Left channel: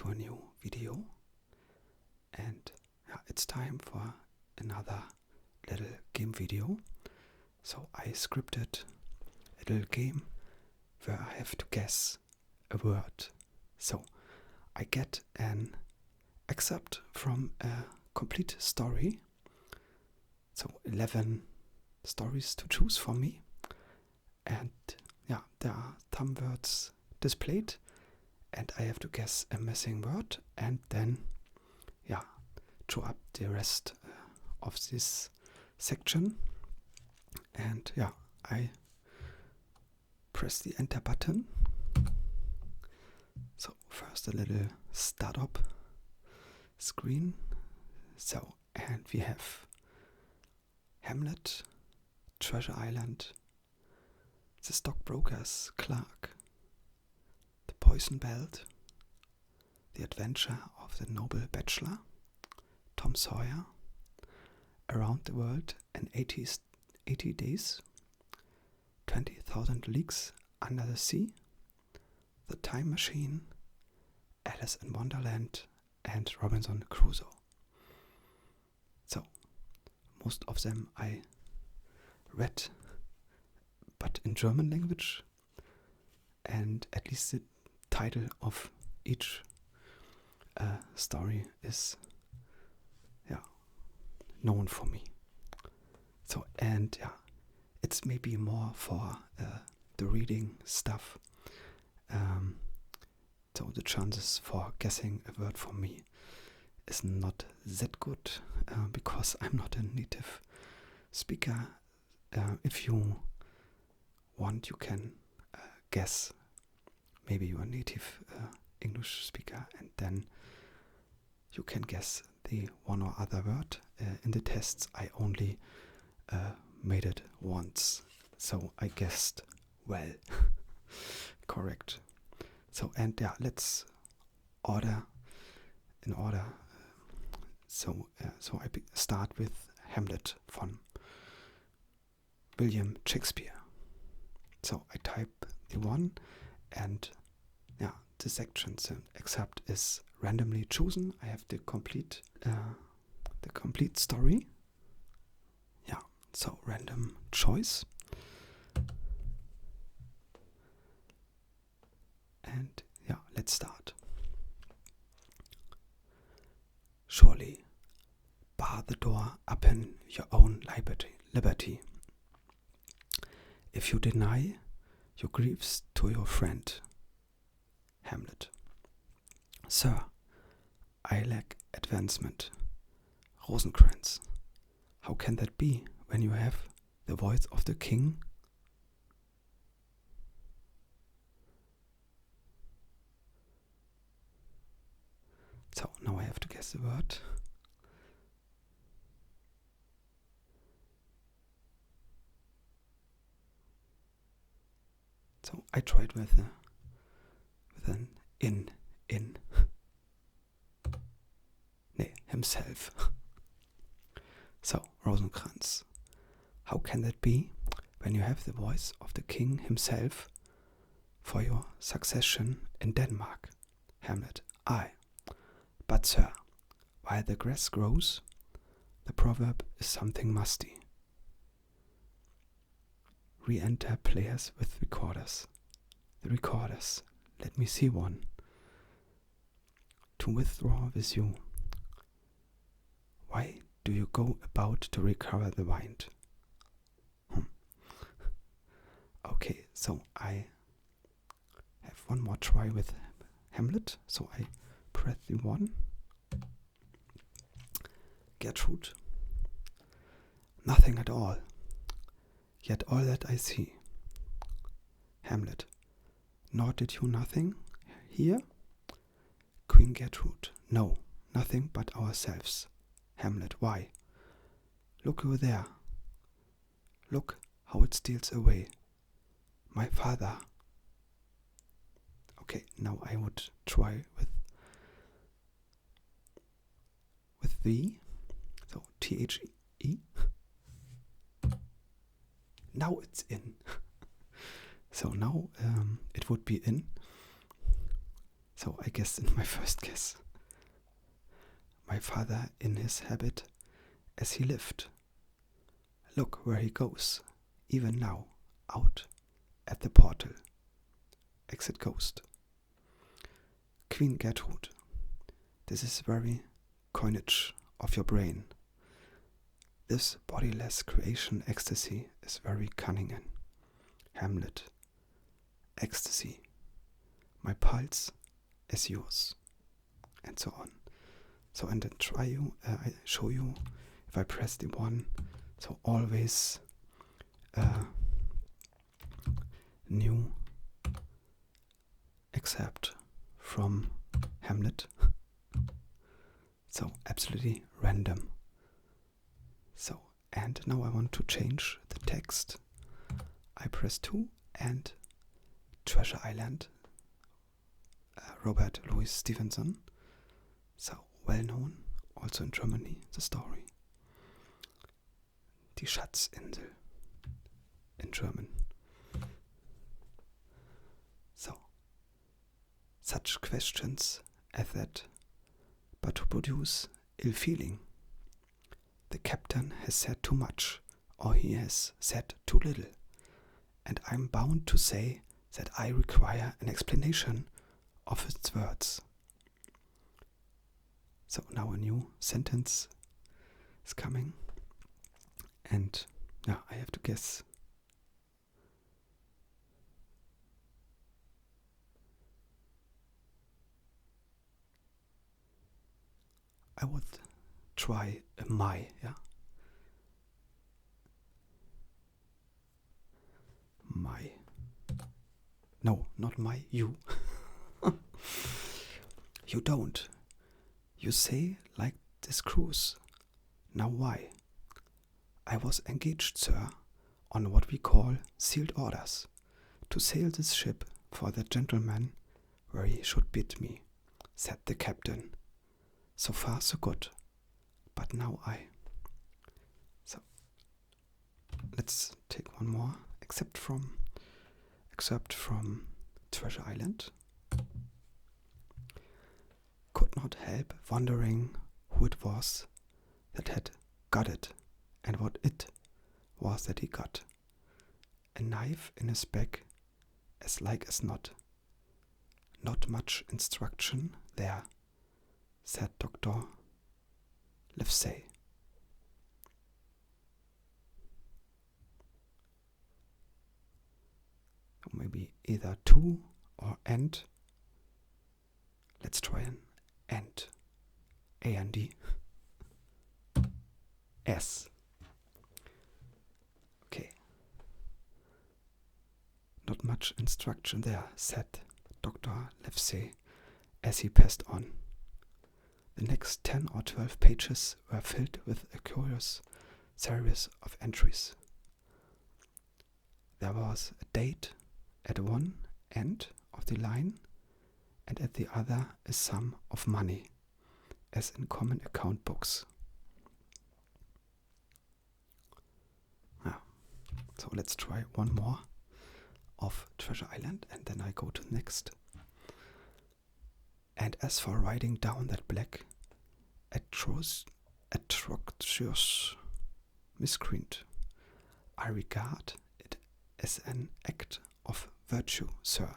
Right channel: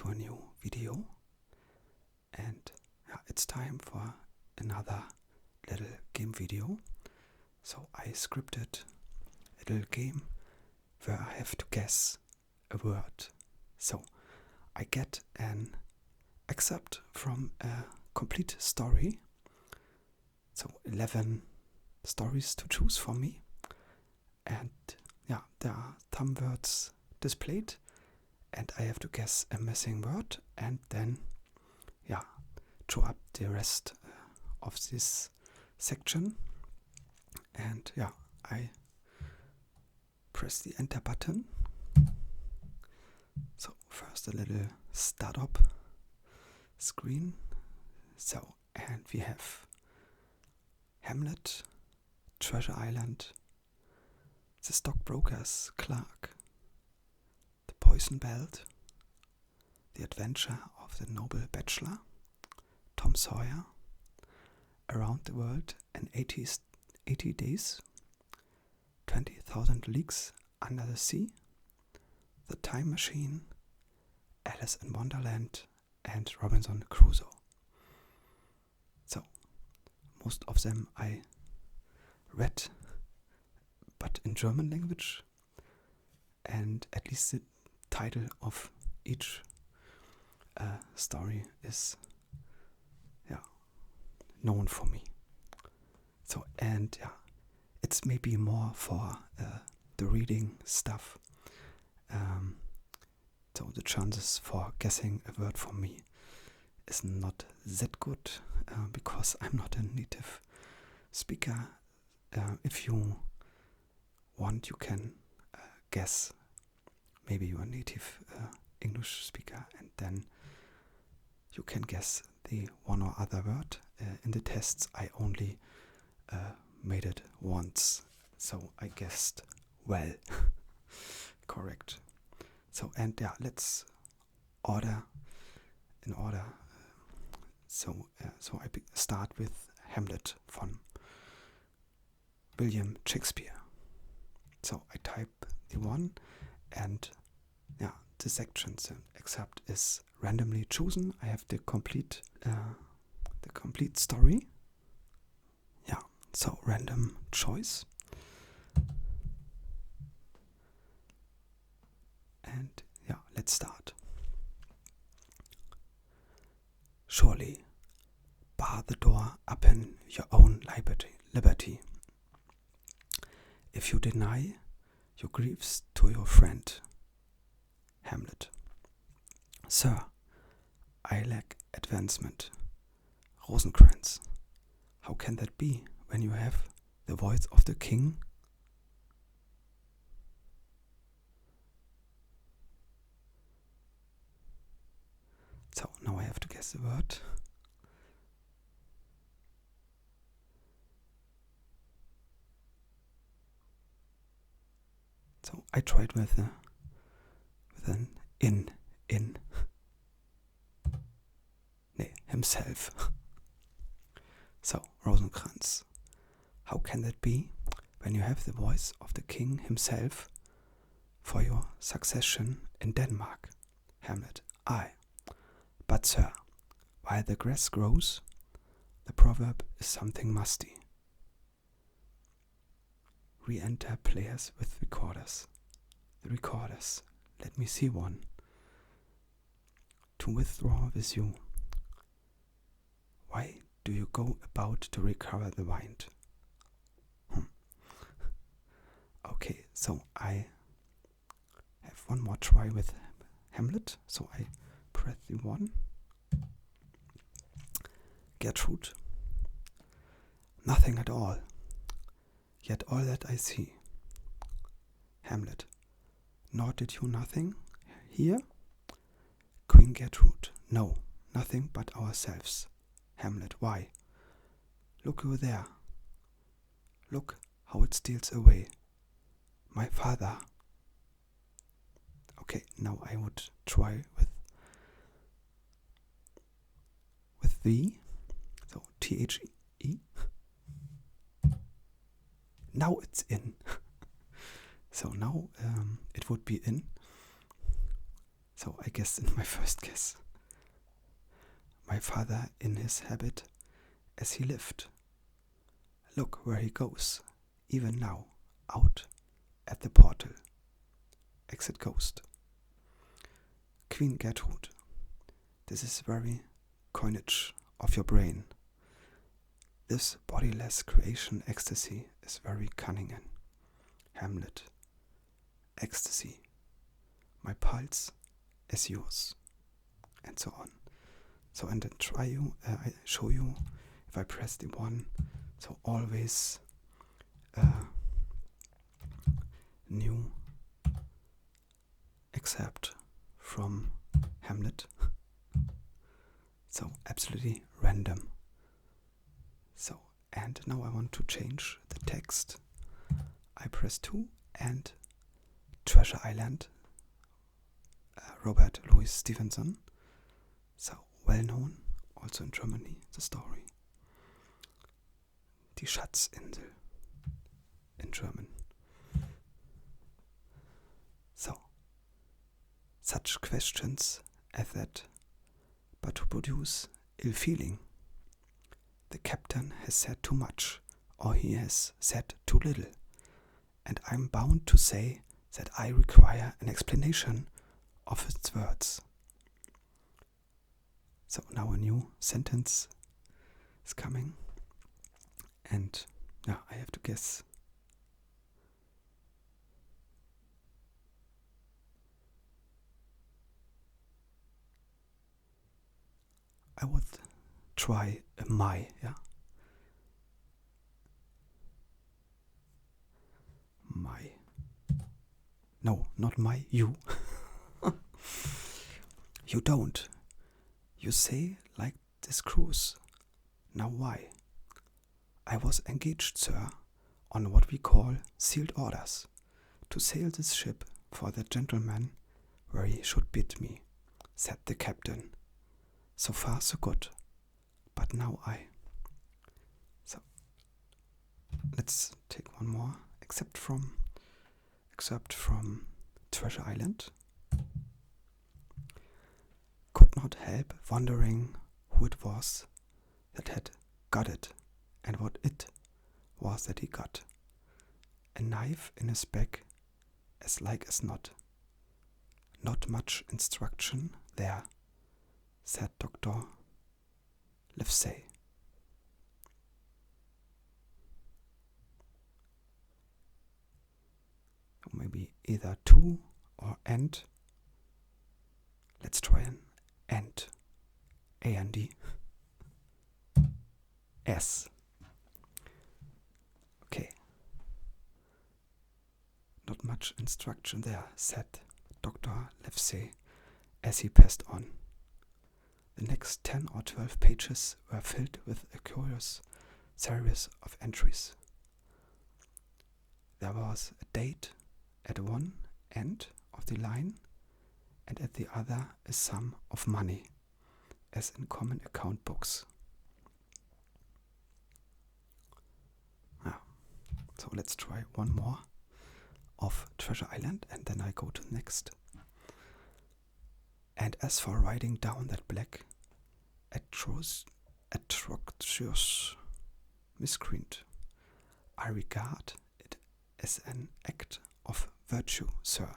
to a new video, and it's time for another little game video. So I scripted a little game where I have to guess a word. So I get an excerpt from a complete story, so 11 stories to choose for me, and there are thumb words displayed, and I have to guess a missing word, and then draw up the rest of this section. And I press the enter button. So first a little startup screen. So, and we have Hamlet, Treasure Island, the Stockbroker's Clerk, the Poison Belt, the Adventure of the Noble Bachelor, Tom Sawyer, Around the World in 80 Days, 20,000 Leagues Under the Sea, The Time Machine, Alice in Wonderland, and Robinson Crusoe. So, most of them I read, but in German language, and at least the title of each story is known for me. So, and it's maybe more for the reading stuff. So the chances for guessing a word for me is not that good because I'm not a native speaker. If you want, you can guess. Maybe you're a native English speaker, and then you can guess the one or other word. In the tests, I only made it once, so I guessed well. Correct. So, and let's order in order. So I start with Hamlet from William Shakespeare. So I type the one, and the sections except is randomly chosen. I have the complete story. So random choice. And let's start. Surely, bar the door upon your own liberty. If you deny your griefs to your friend, Hamlet. Sir, I lack advancement, Rosencrantz. How can that be when you have the voice of the king? So now I have to guess the word. So I tried with an in. Himself. So Rosencrantz. How can that be when you have the voice of the king himself for your succession in Denmark? Hamlet. Aye. But sir, while the grass grows, the proverb is something musty. Re-enter players with recorders. The recorders. Let me see one. To withdraw with you. Why do you go about to recover the wind? Okay, so I have one more try with Hamlet. So I press the one. Gertrude. Nothing at all. Yet all that I see. Hamlet. Nor did you nothing here? Queen Gertrude. No, nothing but ourselves. Hamlet. Why? Look over there. Look how it steals away. My father. Okay, now I would try with thee. So THE. Now it's in. So now it would be in. So I guessed in my first guess. My father in his habit as he lived. Look where he goes, even now, out at the portal. Exit ghost. Queen Gertrude. This is very coinage of your brain. This bodiless creation ecstasy is very cunning in. Hamlet. Ecstasy. My pulse is yours. And so on. So and then I show you if I press the one. So always new excerpt from Hamlet. So absolutely random. So, and now I want to change the text. I press 2 and Treasure Island, Robert Louis Stevenson. So well known, also in Germany, the story. Die Schatzinsel in German. So, such questions as that, but to produce ill feeling. The captain has said too much, or he has said too little, and I'm bound to say that I require an explanation of its words. So now a new sentence is coming, and yeah, I have to guess. I would try a my, yeah. My. No, not my, you. You don't. You say like this cruise. Now why? I was engaged, sir, on what we call sealed orders, to sail this ship for the gentleman where he should bid me, said the captain. So far so good. But now So let's take one more excerpt from Treasure Island. Could not help wondering who it was that had got it and what it was that he got. A knife in his back, as like as not. Not much instruction there, said Dr. Livesey. Maybe either to or and. Let's try an and. A-N-D. S. Okay. Not much instruction there, said Dr. Livesey as he passed on. The next 10 or 12 pages were filled with a curious series of entries. There was a date at one end of the line, and at the other a sum of money, as in common account books. So let's try one more of Treasure Island, and then I go to the next. And as for writing down that black, atrocious miscreant, I regard it as an act of virtue, sir,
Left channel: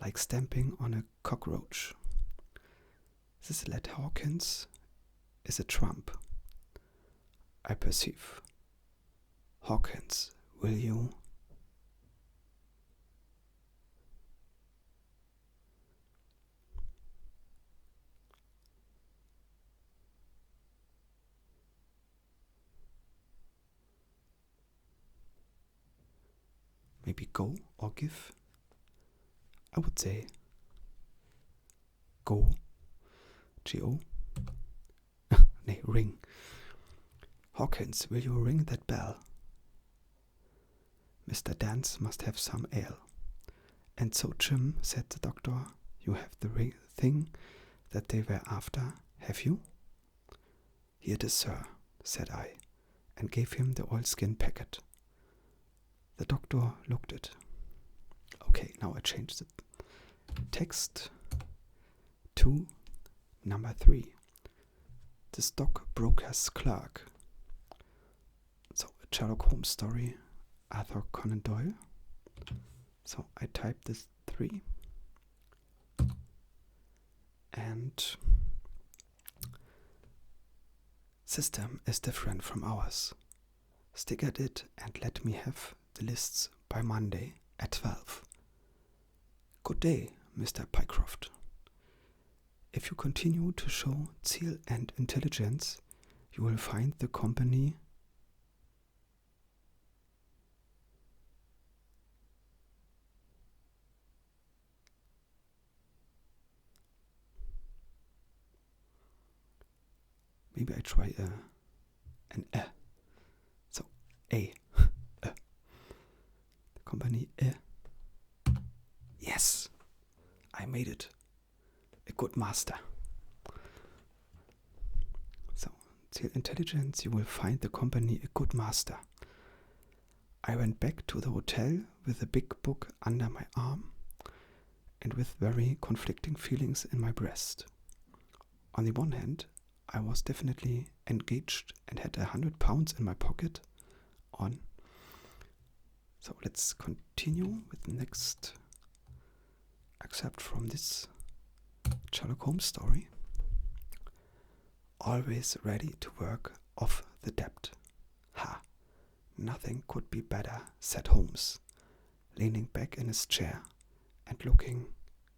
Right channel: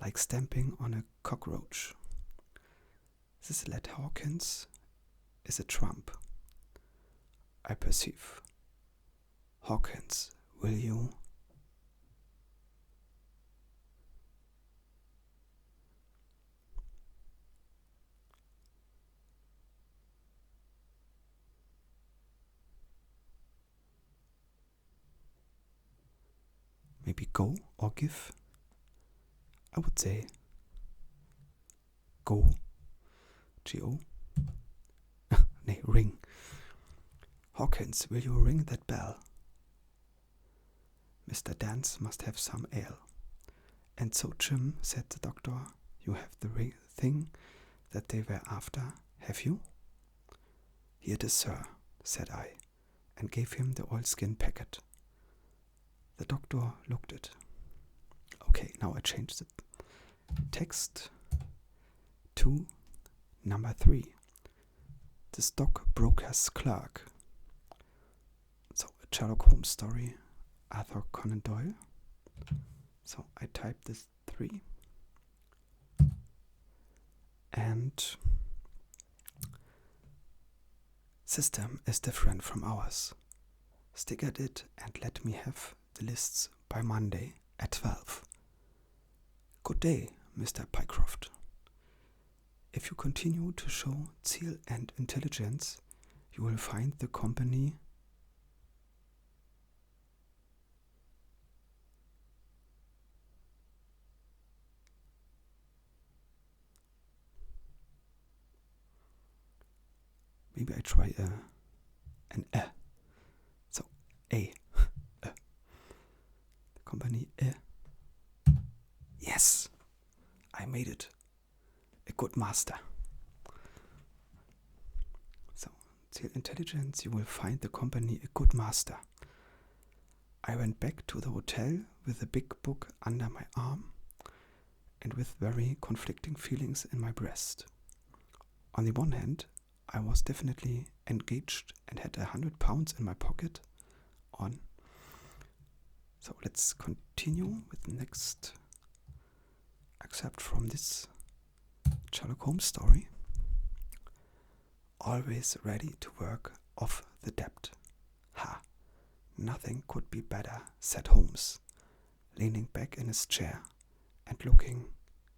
like stamping on a cockroach. This lad Hawkins is a trump, I perceive. Hawkins, will you? Maybe go or give? I would say go. G-O. Nay, ring. Hawkins, will you ring that bell? Mr. Dance must have some ale. And so, Jim, said the doctor, you have the thing that they were after, have you? Here it is, sir, said I, and gave him the oilskin packet. The doctor looked it. Okay, now I change the text. to number 3. The stockbroker's clerk. So a Sherlock Holmes story, Arthur Conan Doyle. So I type this 3. And system is different from ours. Stick at it and let me have the lists by Monday at 12. Good day, Mr. Pycroft. If you continue to show zeal and intelligence, you will find the company maybe I try an So A. The company Yes, I made it. A good master. So, zeal intelligence, you will find the company a good master. I went back to the hotel with a big book under my arm and with very conflicting feelings in my breast. On the one hand, I was definitely engaged and had £100 in my pocket on. So let's continue with the next excerpt from this Sherlock Holmes story. Always ready to work off the debt. Ha! Nothing could be better, said Holmes, leaning back in his chair and looking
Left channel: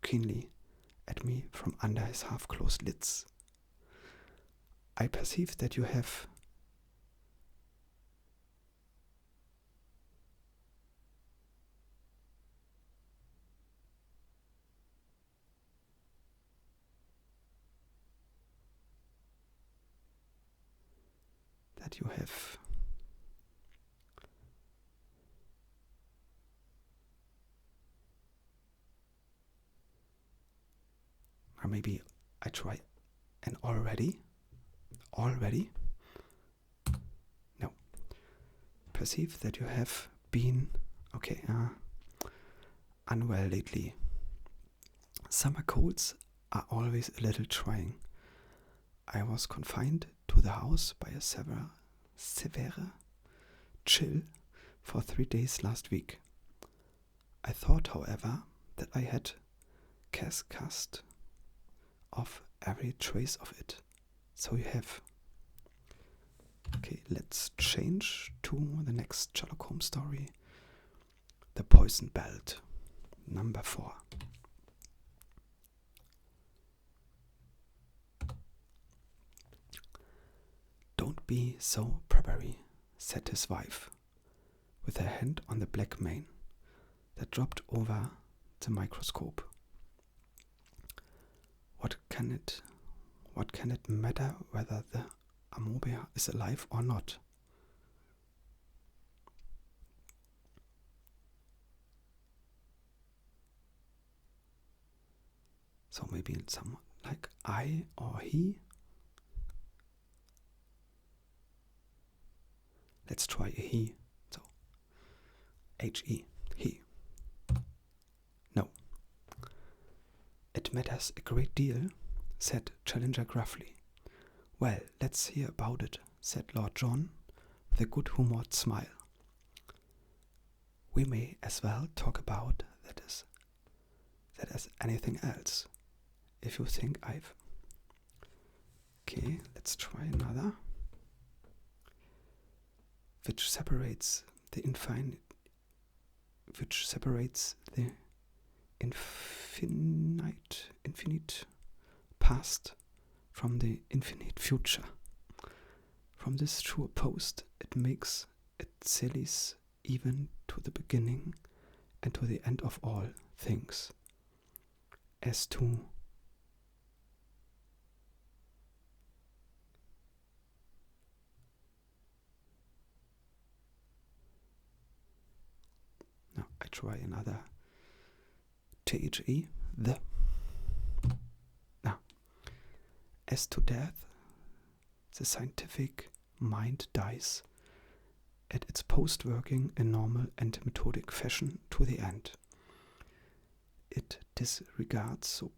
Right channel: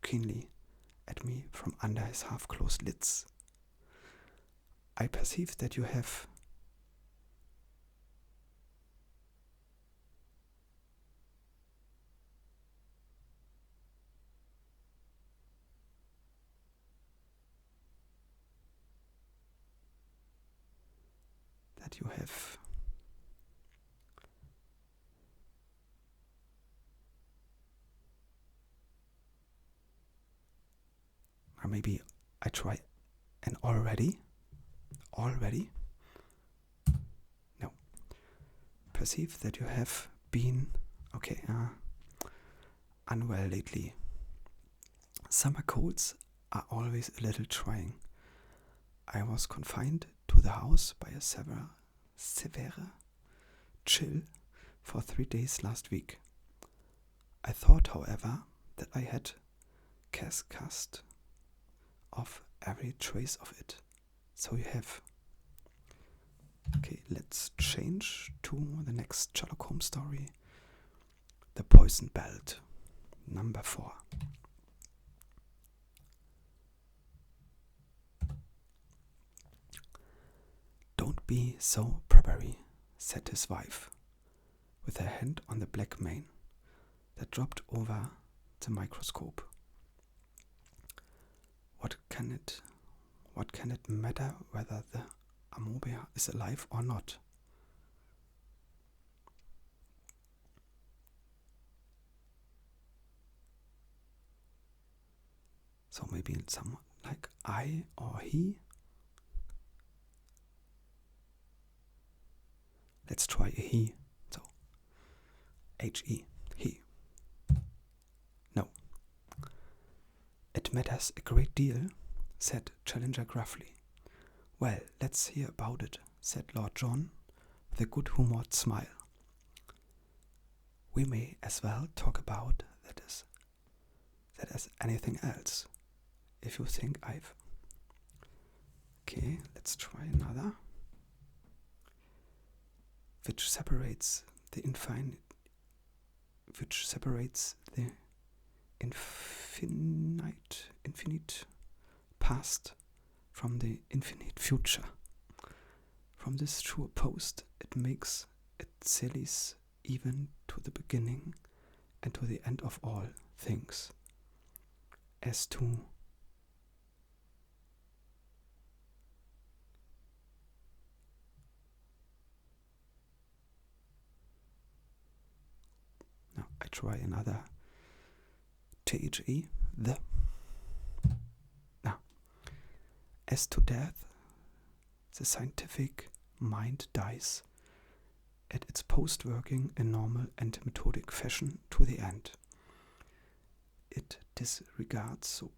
keenly at me from under his half-closed lids. I perceive that you have or maybe I try an already. No. Perceive that you have been unwell lately. Summer colds are always a little trying. I was confined to the house by a severe chill for 3 days last week. I thought, however, that I had cast off every trace of it. So you have. Okay, let's change to the next Sherlock Holmes story. The Poison Belt, number 4. Don't be so propery, said his wife, with her hand on the black mane that dropped over the microscope. What can it matter whether the amobia is alive or not? So maybe someone like I or he. Let's try a he. So H-E, he. No. It matters a great deal, said Challenger gruffly. Well, let's hear about it, said Lord John with a good-humoured smile. We may as well talk about that as anything else, if you think I've. Okay, let's try another. Which separates the infinite past from the infinite future. From this sure post, it makes it sallies even to the beginning and to the end of all things. As to now I try another THE, the. Now, as to death, the scientific mind dies at its post-working in normal and methodic fashion to the end. It disregards so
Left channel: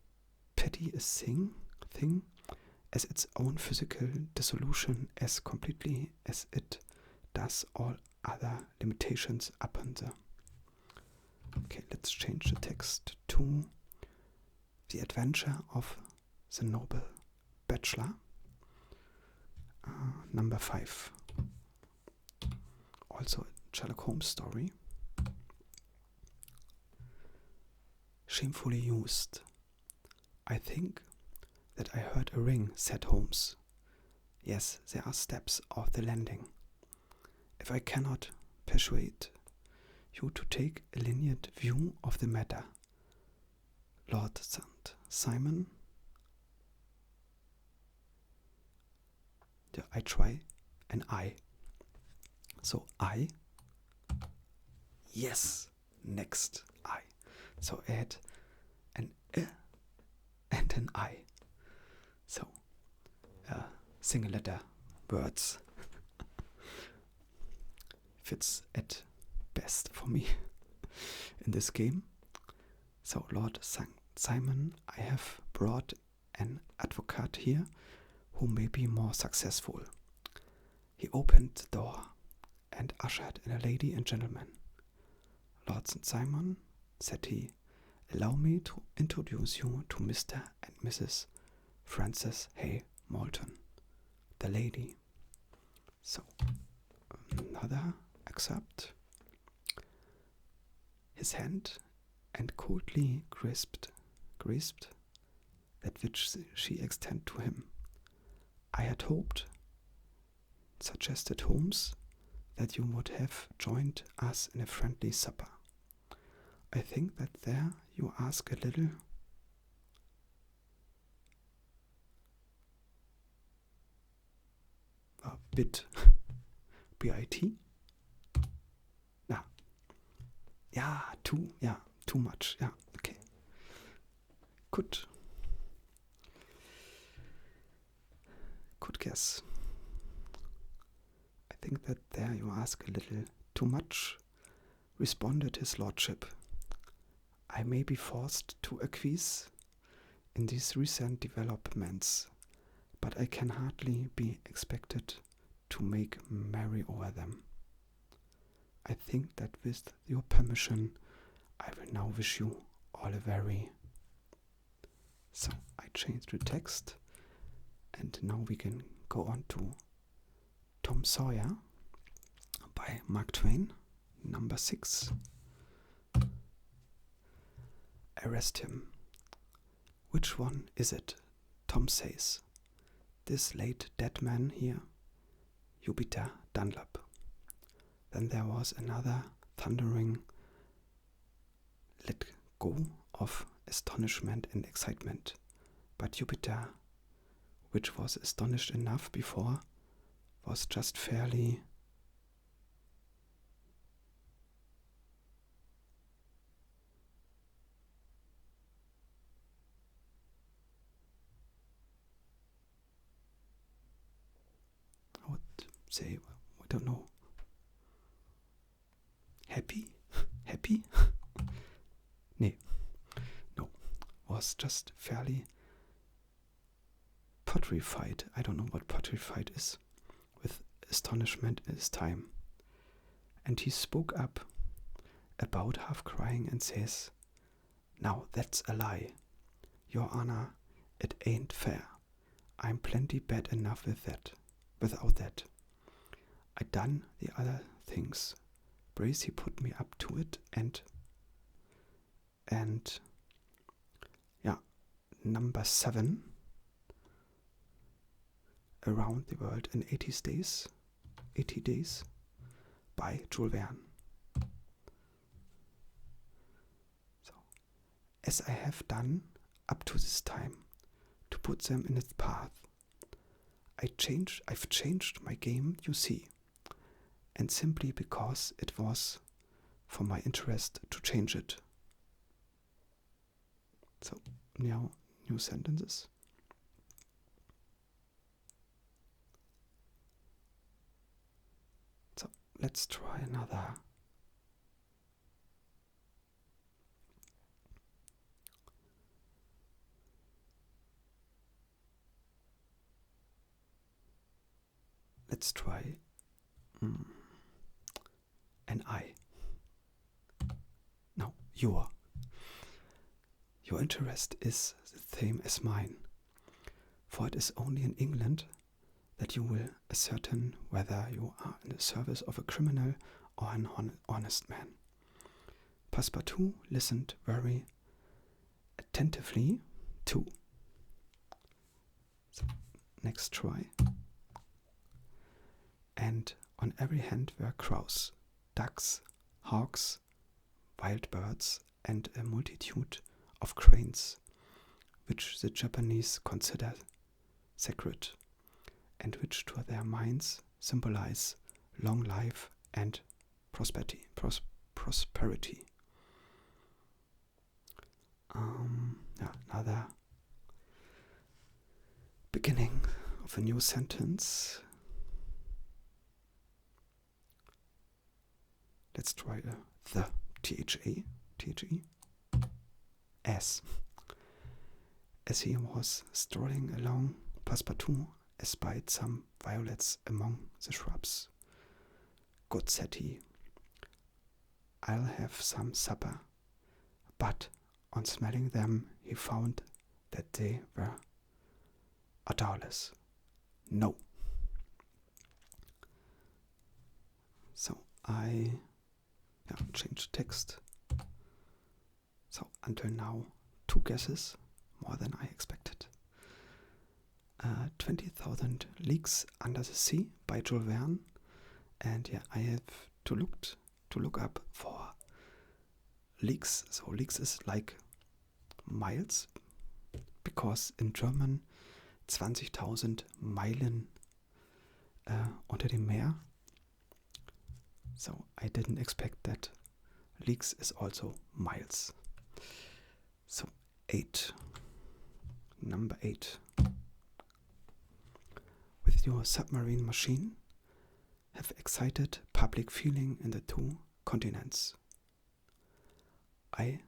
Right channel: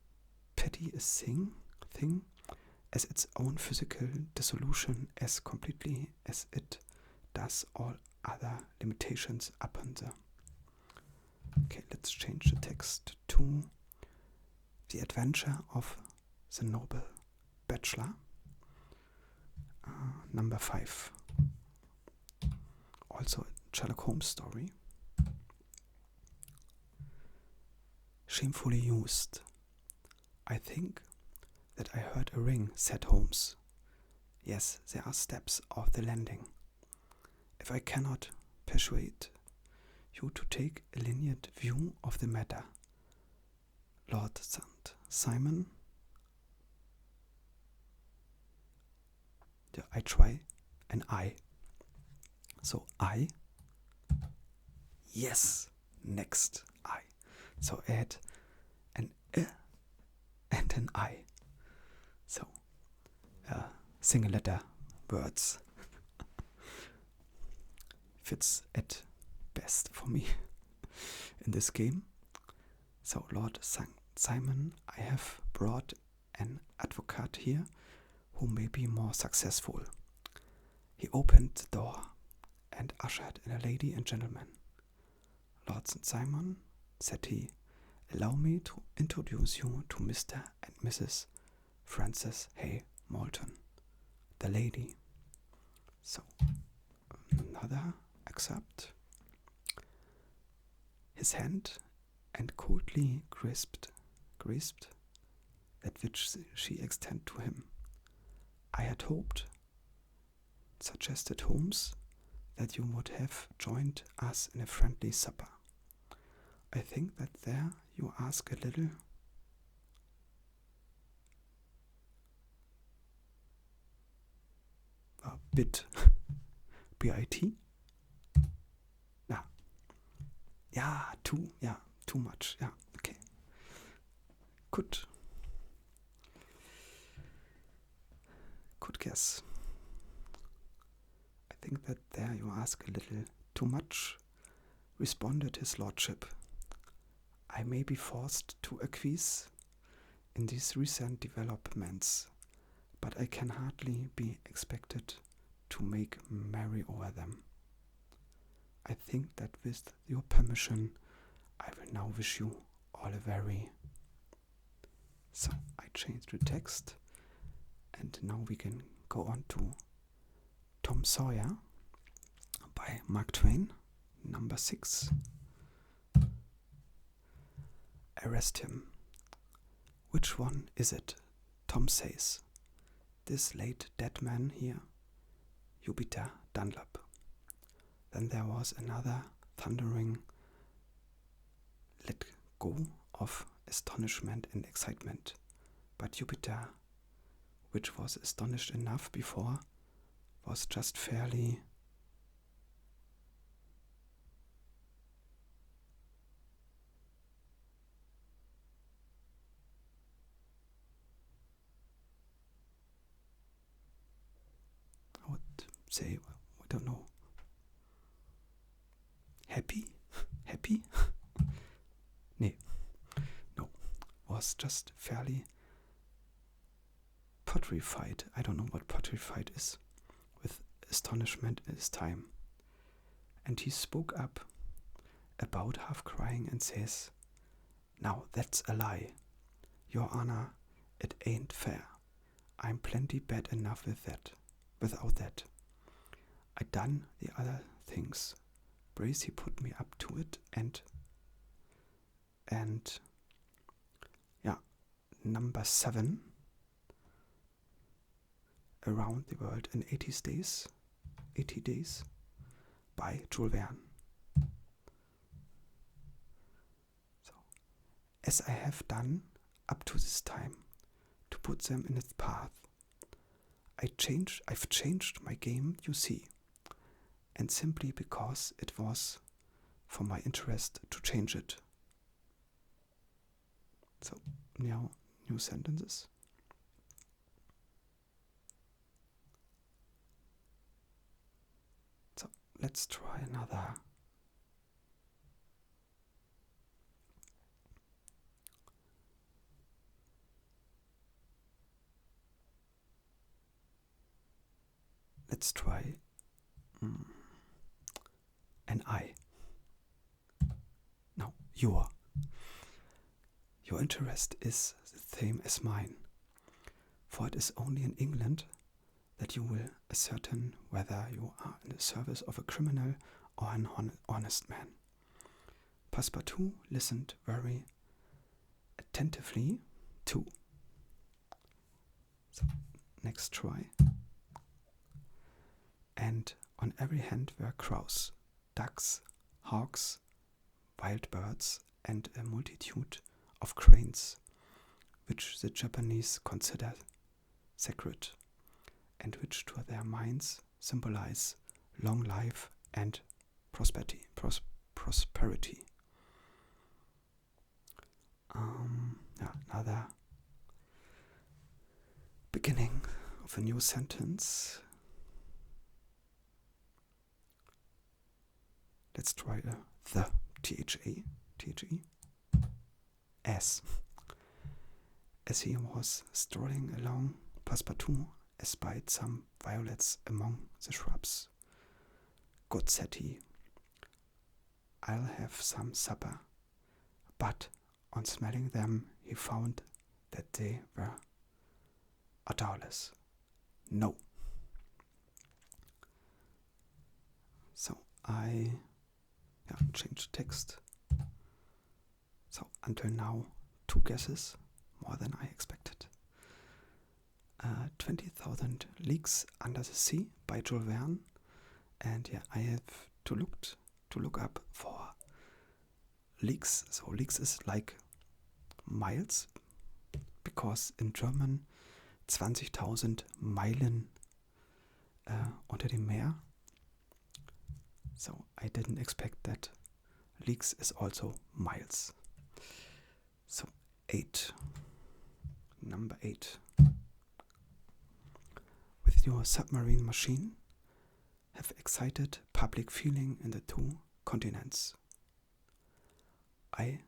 fatty a thing as its own physical dissolution as completely as it does all other limitations upon the. Okay, let's change the text to the adventure of the noble bachelor. Number 5. Also a Sherlock Holmes story. Shamefully used. I think that I heard a ring, said Holmes. Yes, there are steps off the landing. If I cannot persuade you to take a lenient view of the matter, Lord St. Simon, I try an I. So I, yes, next I. So add an and an I. So single letter words fits at best for me in this game. So Lord St. Simon, I have brought an advocate here who may be more successful. He opened the door and ushered in a lady and gentleman. Lord St. Simon, said he, allow me to introduce you to Mr. and Mrs. Francis Hay Moulton, the lady. So, another excerpt. His hand and coldly grasped that which she extended to him. I had hoped, suggested Holmes, that you would have joined us in a friendly supper. I think that there you ask a little bit B-I-T? Too much, okay. Good guess. I think that there you ask a little too much, responded his lordship. I may be forced to acquiesce in these recent developments, but I can hardly be expected to make merry over them. I think that with your permission, I will now wish you all a very... So I changed the text, and now we can go on to Tom Sawyer by Mark Twain, number 6. Arrest him. Which one is it? Tom says. This late dead man here, Jupiter Dunlop. Then there was another thundering let go of astonishment and excitement. But Jupiter, which was astonished enough before, was just fairly I would say, I don't know, happy? No, was just fairly petrified. I don't know what petrified is, with astonishment in his time. And he spoke up, about half crying, and says, now that's a lie. Your Honor, it ain't fair. I'm plenty bad enough without that. I done the other things. Bracy put me up to it and number 7, Around the World in 80 Days by Jules Verne. So, as I have done up to this time to put them in its path, I've changed my game, you see, and simply because it was for my interest to change it. So, now new sentences. So, let's try another. let's try an I. Now, your interest is the same as mine, for it is only in England that you will ascertain whether you are in the service of a criminal or an honest man. Passepartout listened very attentively too. So, next try. And on every hand were crows, ducks, hawks, wild birds, and a multitude of cranes, which the Japanese consider sacred, and which to their minds symbolize long life and prosperity. Another beginning of a new sentence. Let's try the THE. As he was strolling along, Passepartout espied some violets among the shrubs. Good, said he, I'll have some supper. But on smelling them, he found that they were odorless. No. So I changed text. So until now, 2 guesses, more than I expected. 20,000 Leagues Under the Sea by Jules Verne, and I have to look up for leagues. So leagues is like miles, because in German 20.000 Meilen unter dem Meer. So I didn't expect that leagues is also miles. So 8. Number 8. With your submarine machine, have excited public feeling in the 2 continents. I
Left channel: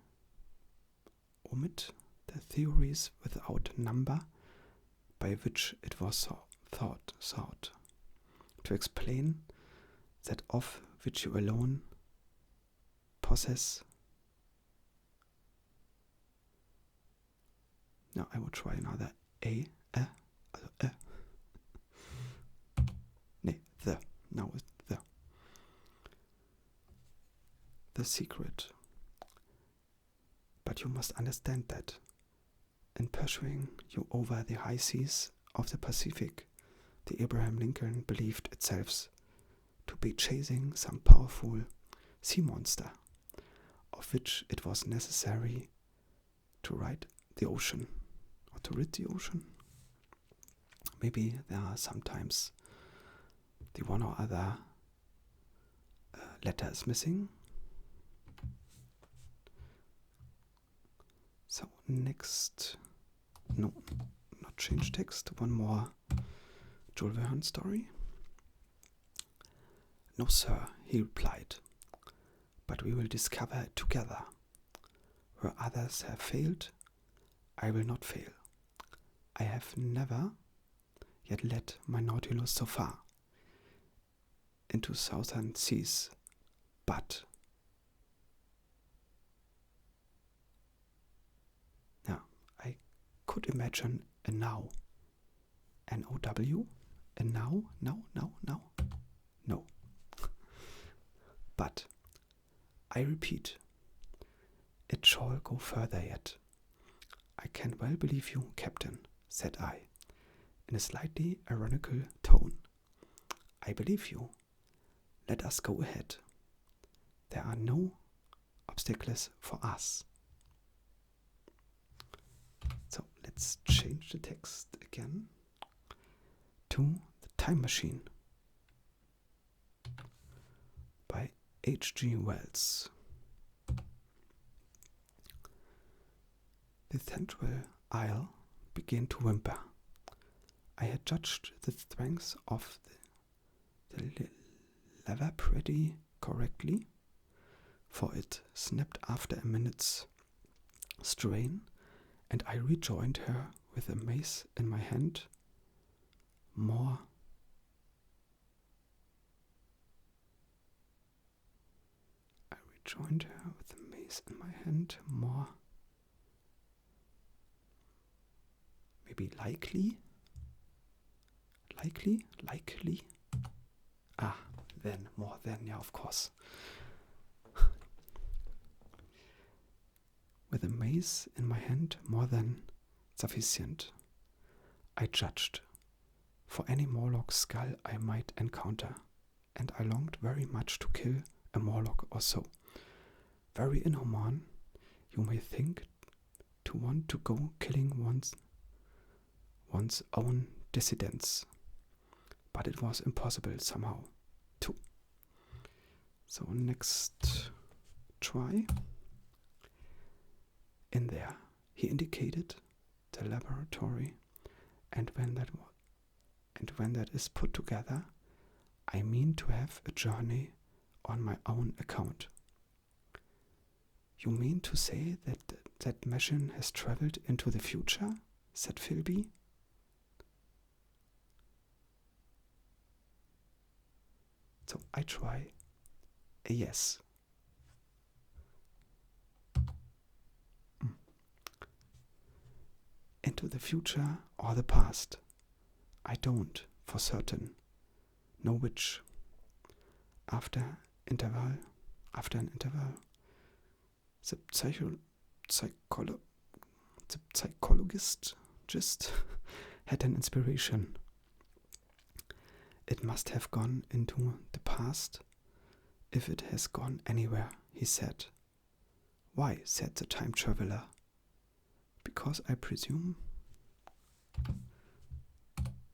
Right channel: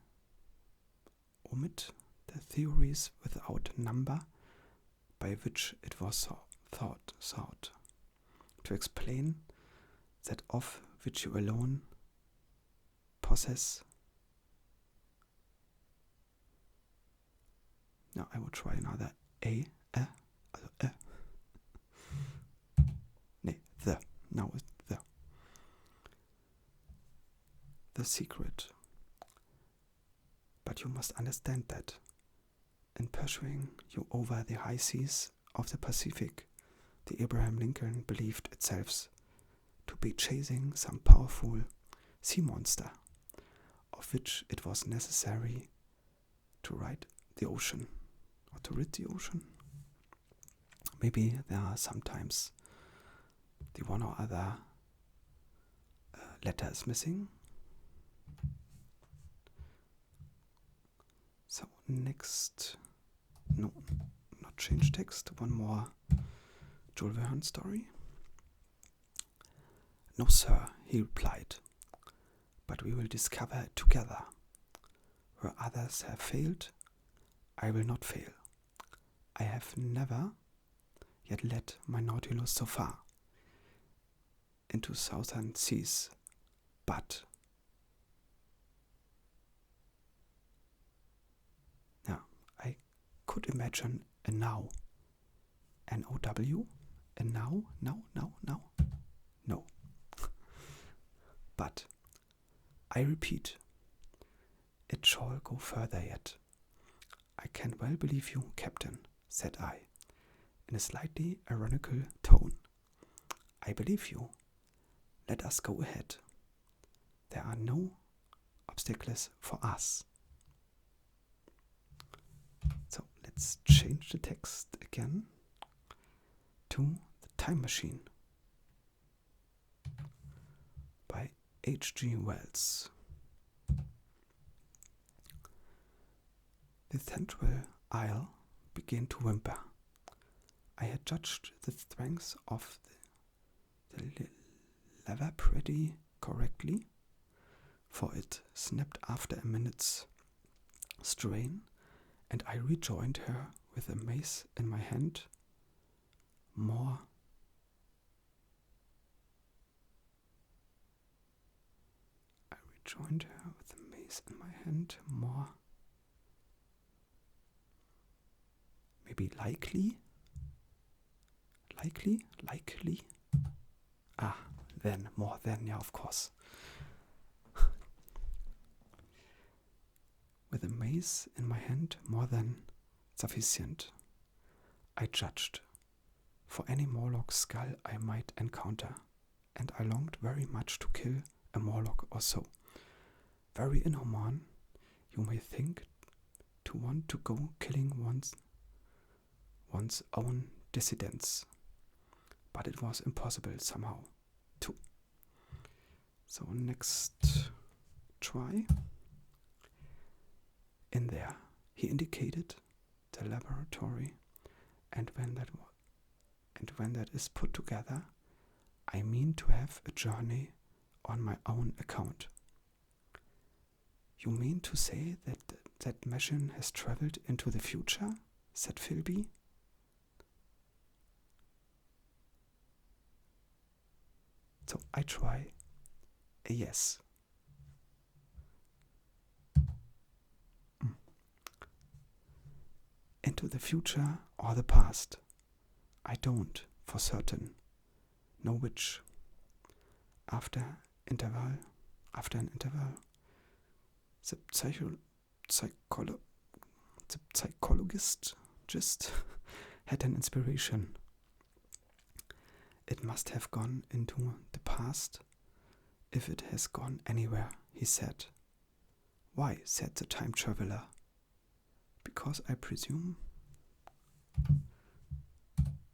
omit the theories without number by which it was thought to explain that of which you alone possess. Now I will try another the. Now it's the. The secret. But you must understand that in pursuing you over the high seas of the Pacific, the Abraham Lincoln believed itself to be chasing some powerful sea monster, of which it was necessary to ride the ocean, or to rid the ocean. Maybe there are sometimes the one or other letter is missing. So next, no, not change text, one more Jules Verne story. No, sir, he replied, but we will discover it together. Where others have failed, I will not fail. I have never yet led my Nautilus so far into southern seas, but I could imagine a now, N-O-W, a now, no. But I repeat, it shall go further yet. I can well believe you, Captain, said I, in a slightly ironical tone. I believe you. Let us go ahead. There are no obstacles for us. So let's change the text again to The Time Machine by H.G. Wells. The central aisle began to whimper. I had judged the strength of the lever pretty correctly, for it snapped after a minute's strain, and I rejoined her with a mace in my hand, more joined her with a mace in my hand. More. Maybe likely? Likely? Ah, then, more than, yeah, of course. With a mace in my hand, more than sufficient, I judged, for any Morlock skull I might encounter, and I longed very much to kill a Morlock or so. Very inhuman, you may think, to want to go killing one's own dissidents, but it was impossible somehow, too. So next try. In there, he indicated the laboratory, and when that is put together, I mean to have a journey on my own account. You mean to say that machine has traveled into the future? Said Philby. So I try a yes. Into the future or the past? I don't, for certain, know which. After an interval, the psychologist just had an inspiration. It must have gone into the past, if it has gone anywhere, he said. Why, said the time traveler. Because I presume.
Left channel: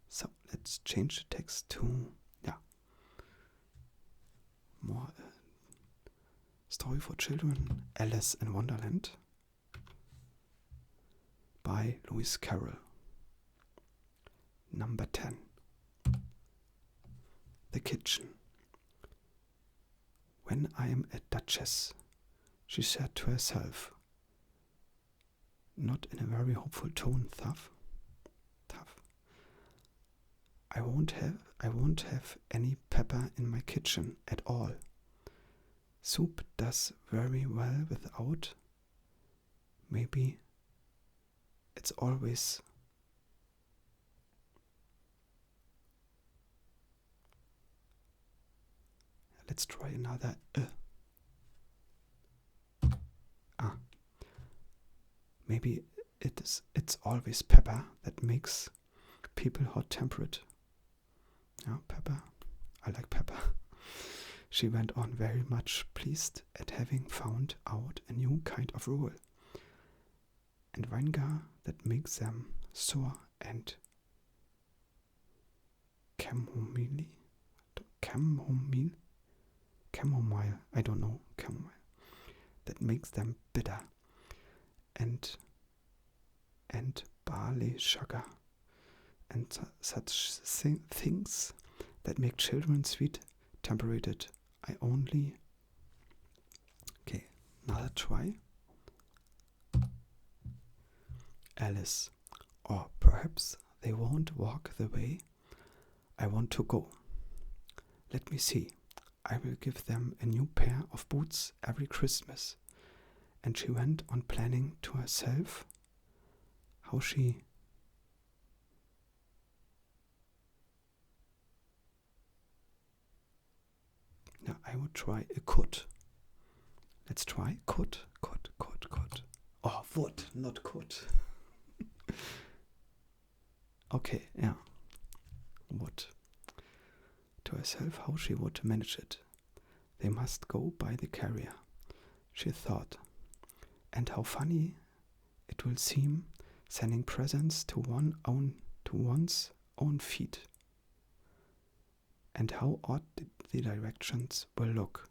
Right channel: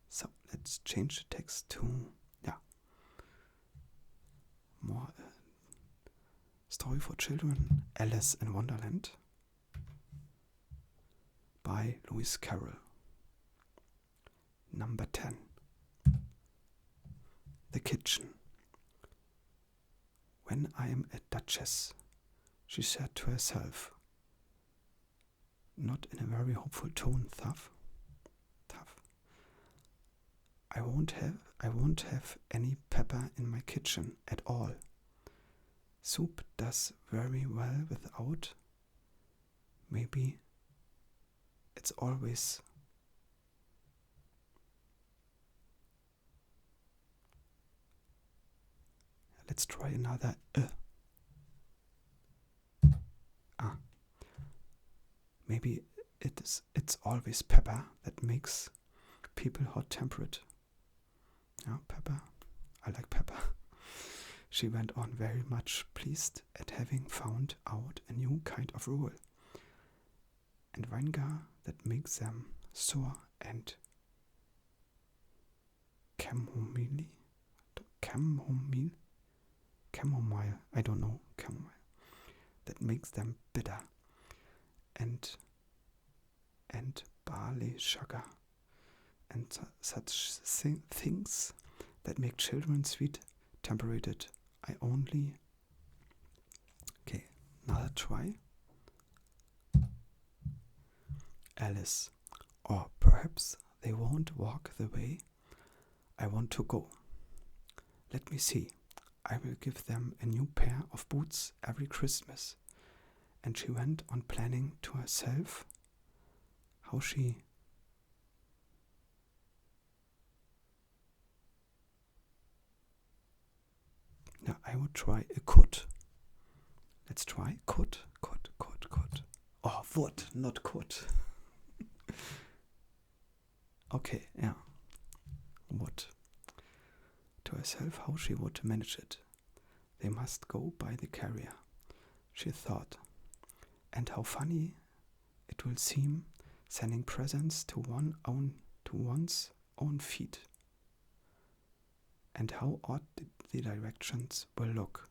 So let's change the text to, more story for children, Alice in Wonderland, by Lewis Carroll. Number 10. The kitchen. When I am a duchess, she said to herself, not in a very hopeful tone, tough. I won't have any pepper in my kitchen at all. Soup does very well without. Maybe it's always. Let's try another. Maybe it's always pepper that makes people hot-tempered. Yeah, pepper. I like pepper. She went on, very much pleased at having found out a new kind of rule, and vinegar that makes them sour, and chamomile, I don't know, chamomile, that makes them bitter, and barley sugar, and such things that make children sweet-tempered. I only. Okay, another try. Alice, or perhaps they won't walk the way I want to go. Let me see. I will give them a new pair of boots every Christmas. And she went on planning to herself how she Now I would try a could. Let's try could. Oh, would, not could. Okay, yeah. Would. To herself how she would manage it. They must go by the carrier, she thought. And how funny it will seem sending presents to one's own feet. And how odd the directions will look.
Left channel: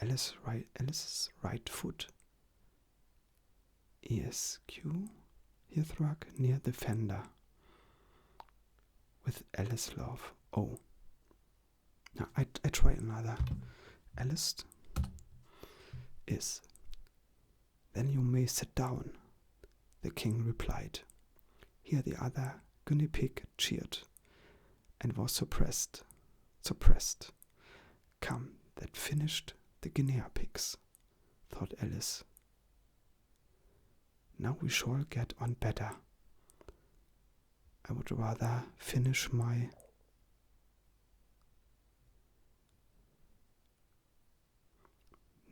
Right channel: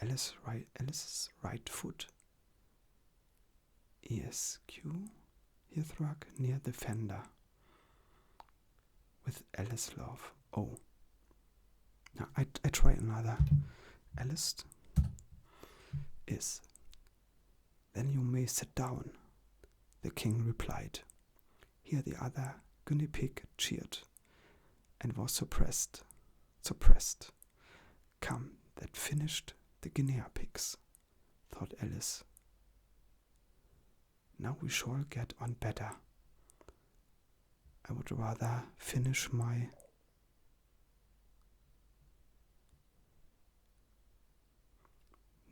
Alice's right foot. ESQ hearthrug near the fender. With Alice love. Oh. Now I try another. Alice is. Then you may sit down, the king replied. Here the other guinea pig cheered, and was suppressed. Come, that finished the guinea pigs, thought Alice. Now we shall get on better. I would rather finish my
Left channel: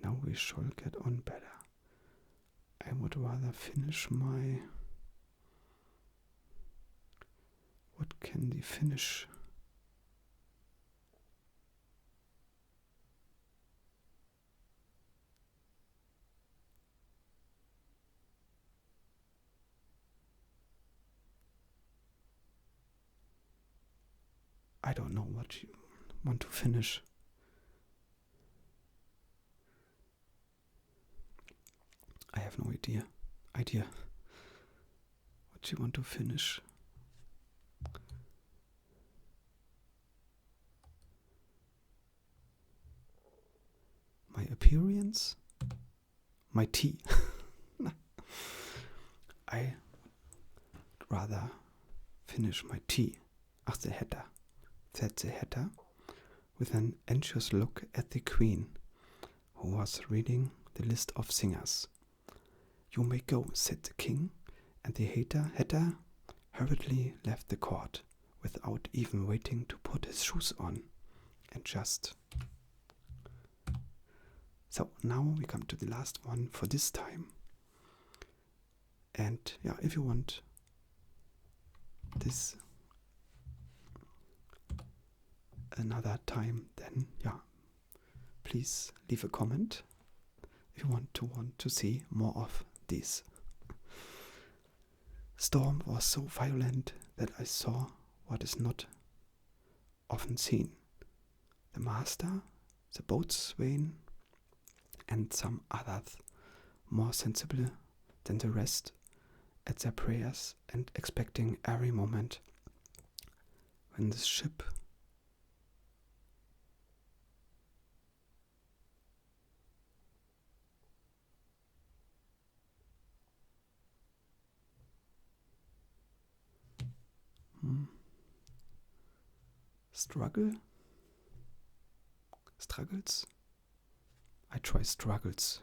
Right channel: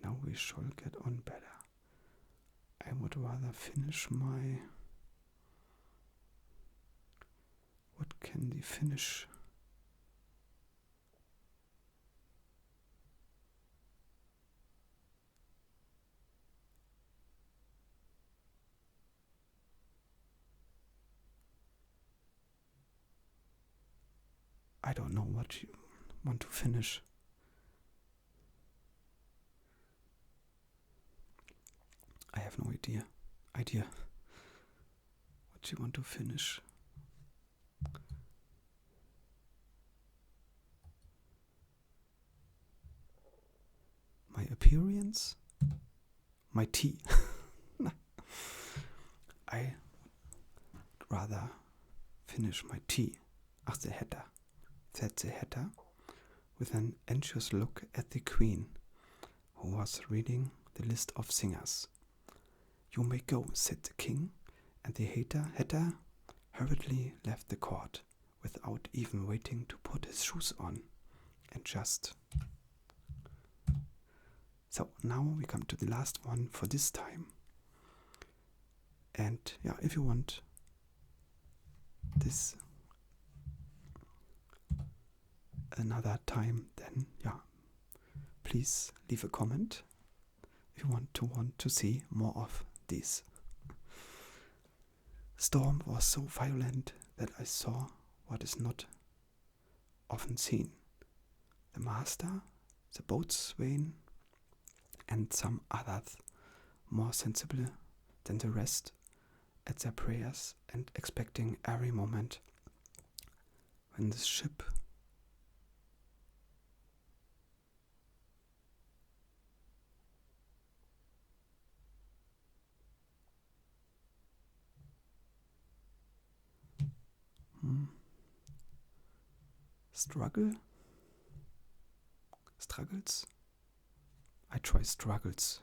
Now we shall get on better. I would rather finish my... What can the finish? I don't know what you want to finish. I have no idea. What you want to finish. My appearance? My tea. I would rather finish my tea. Ach, the hatter, said the hatter, with an anxious look at the queen, who was reading the list of singers. You may go, said the king, and the hatter hurriedly left the court, without even waiting to put his shoes on, and just... So now we come to the last one for this time. And yeah, if you want this another time, then yeah, please leave a comment if you want to see more of this. Storm was so violent that I saw what is not often seen. The master, the boatswain, and some others more sensible than the rest at their prayers and expecting every moment when the ship struggles. I try struggles.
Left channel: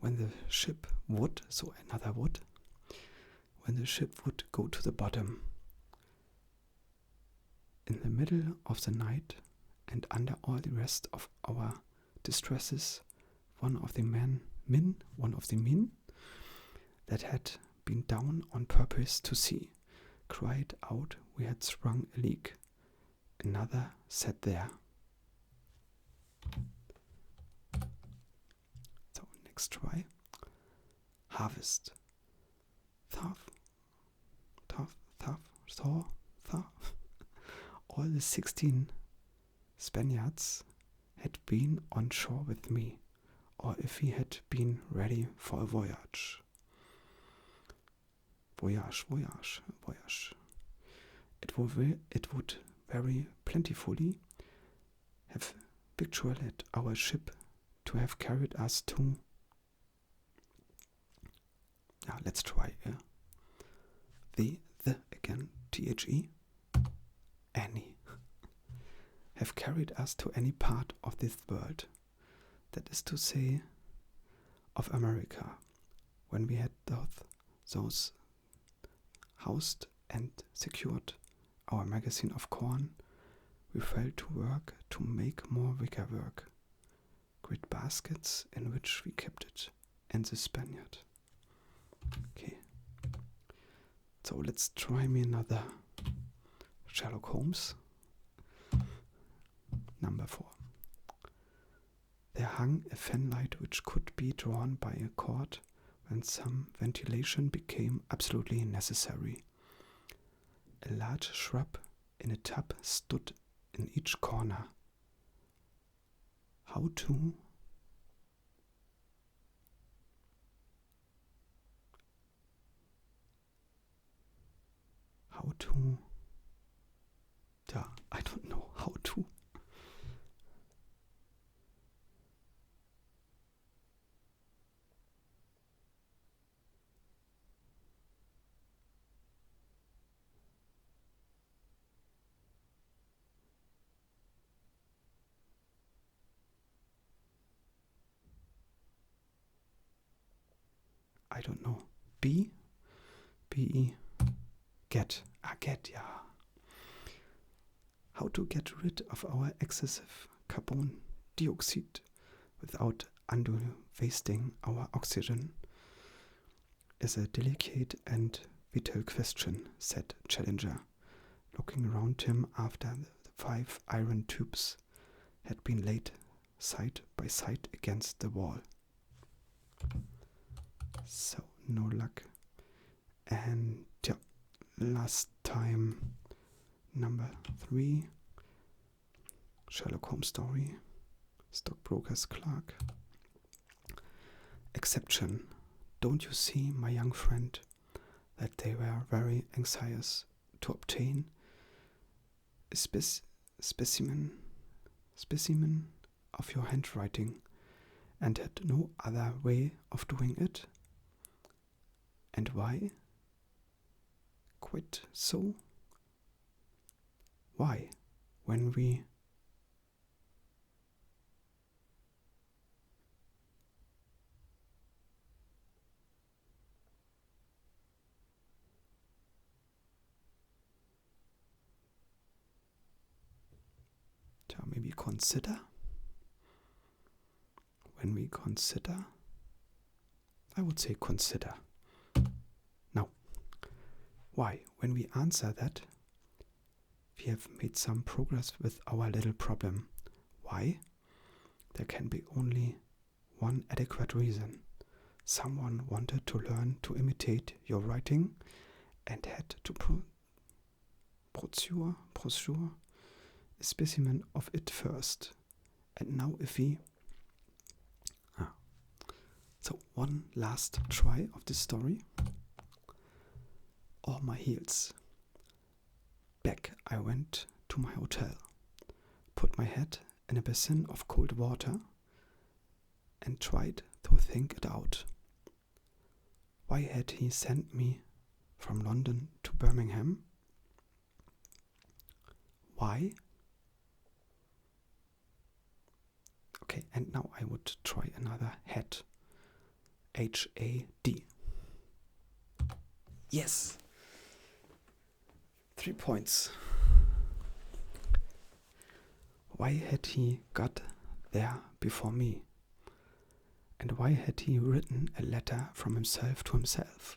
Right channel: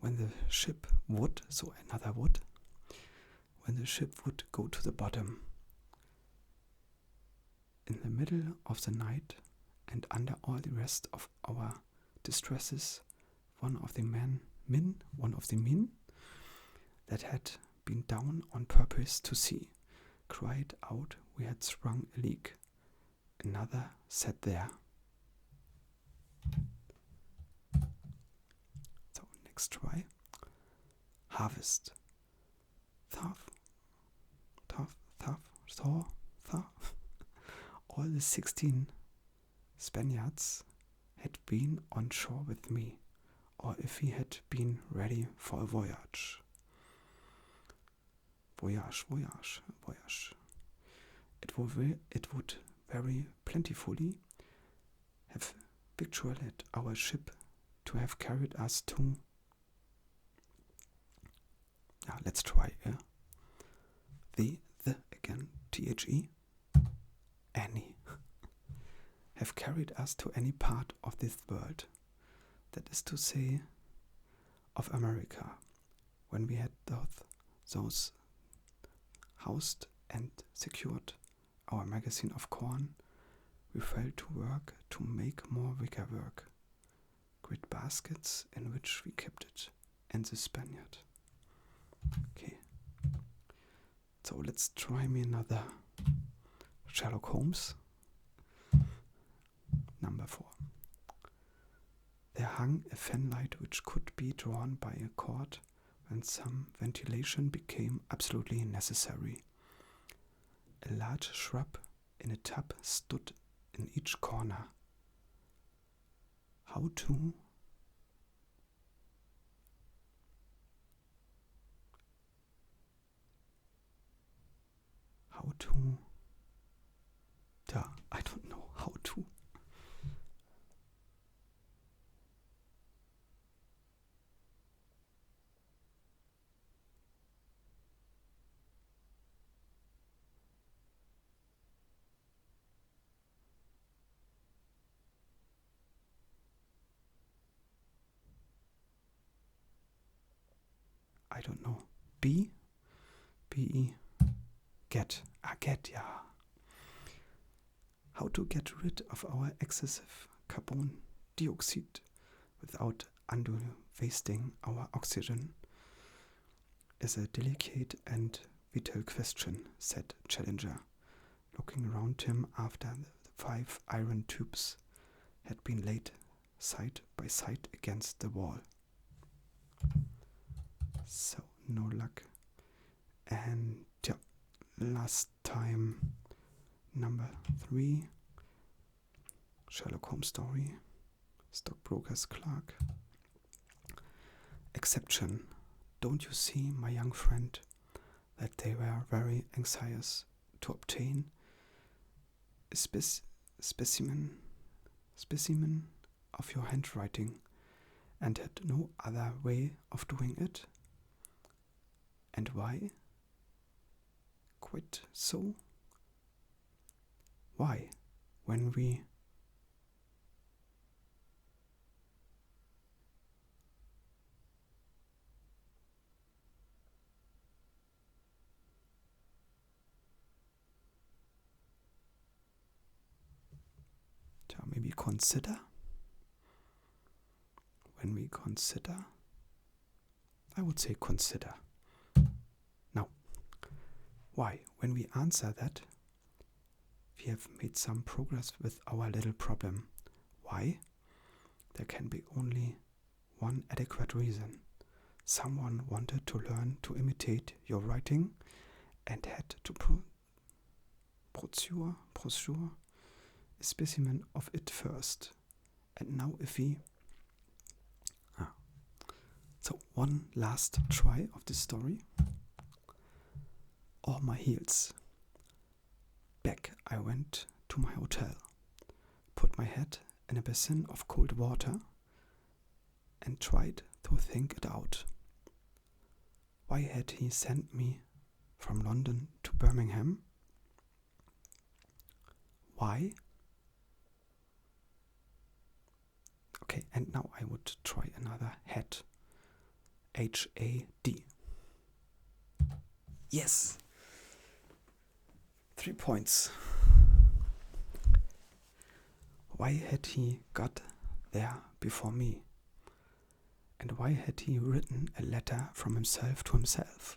When the ship would, so another would, when the ship would go to the bottom, in the middle of the night and under all the rest of our distresses, one of the men that had been down on purpose to see, cried out we had sprung a leak. Another sat there. So next try. Harvest. Thaw. All the 16 Spaniards had been on shore with me, or if he had been ready for a voyage. It would very plentifully have victualled our ship to have carried us to... let's try the again, THE, any. Have carried us to any part of this world, that is to say, of America, when we had those housed and secured our magazine of corn, we fell to work to make more wicker work, great baskets in which we kept it, and the Spaniard. Okay, so let's try me another Sherlock Holmes. Number 4. There hung a fanlight which could be drawn by a cord when some ventilation became absolutely necessary. A large shrub in a tub stood in each corner. How to I don't know how to. I don't know. B-E, get. Get, yeah. How to get rid of our excessive carbon dioxide without unduly wasting our oxygen is a delicate and vital question, said Challenger, looking around him after the 5 iron tubes had been laid side by side against the wall. So, no luck. And yeah, last time, number 3, Sherlock Holmes story, stockbroker's clerk. Exception. Don't you see, my young friend, that they were very anxious to obtain a specimen of your handwriting and had no other way of doing it? And why? Quite so. Why, when we maybe consider? When we consider, I would say consider. Now, why? When we answer that, we have made some progress with our little problem. Why? There can be only one adequate reason. Someone wanted to learn to imitate your writing and had to procure a specimen of it first. And now if we... So one last try of this story. All my heels. Back I went to my hotel, put my head in a basin of cold water and tried to think it out. Why had he sent me from London to Birmingham? Why? Okay, and now I would try another head. H-A-D. Yes! 3 points. Why had he got there before me? And why had he written a letter from himself to himself?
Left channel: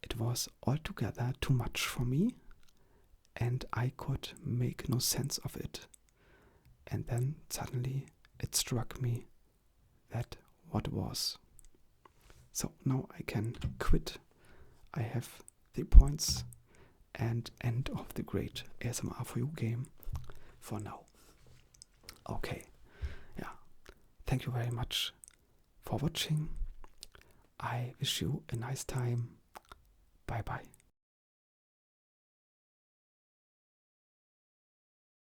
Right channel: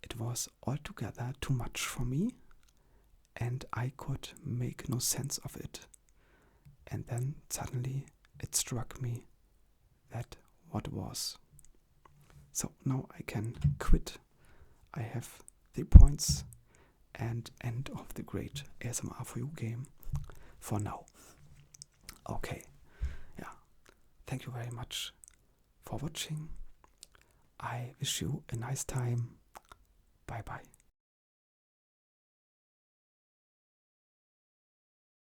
It was altogether too much for me, and I could make no sense of it. And then suddenly it struck me that what was. So now I can quit. I have 3 points and end of the great ASMR for you game for now. Okay, yeah. Thank you very much for watching. I wish you a nice time. Bye bye.